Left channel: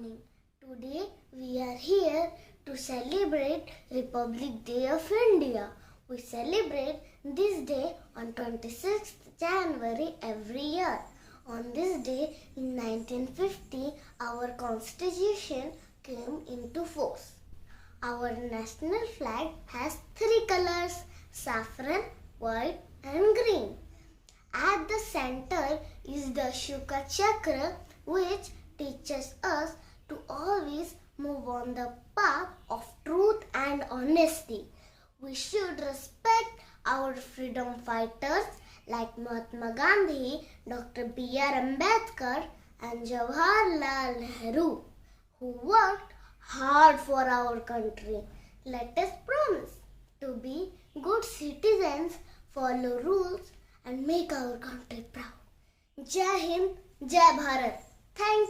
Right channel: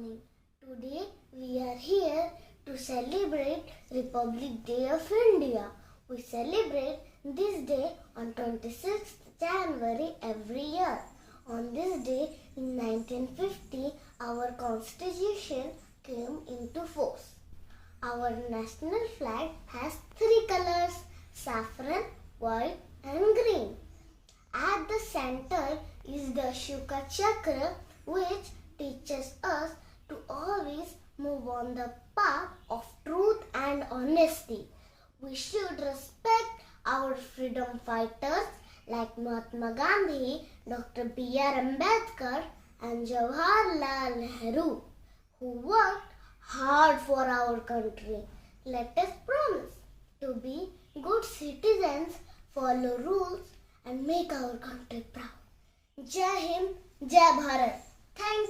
morning. Today we are here to celebrate Republic Day of India. We celebrate this day on 26th January every year. On this day in 1950, our constitution came into force. Our national flag has three colors: saffron, white and green. At the center is the Shuka Chakra, which teaches us to always move on the path of truth and honesty. We should respect our freedom fighters like Mahatma Gandhi, Dr. B.R. Ambedkar and Jawaharlal Nehru, who worked hard for our country. Let us promise to be good citizens, follow rules and make our country proud. Jai Hind, Jai Bharat. Thank you.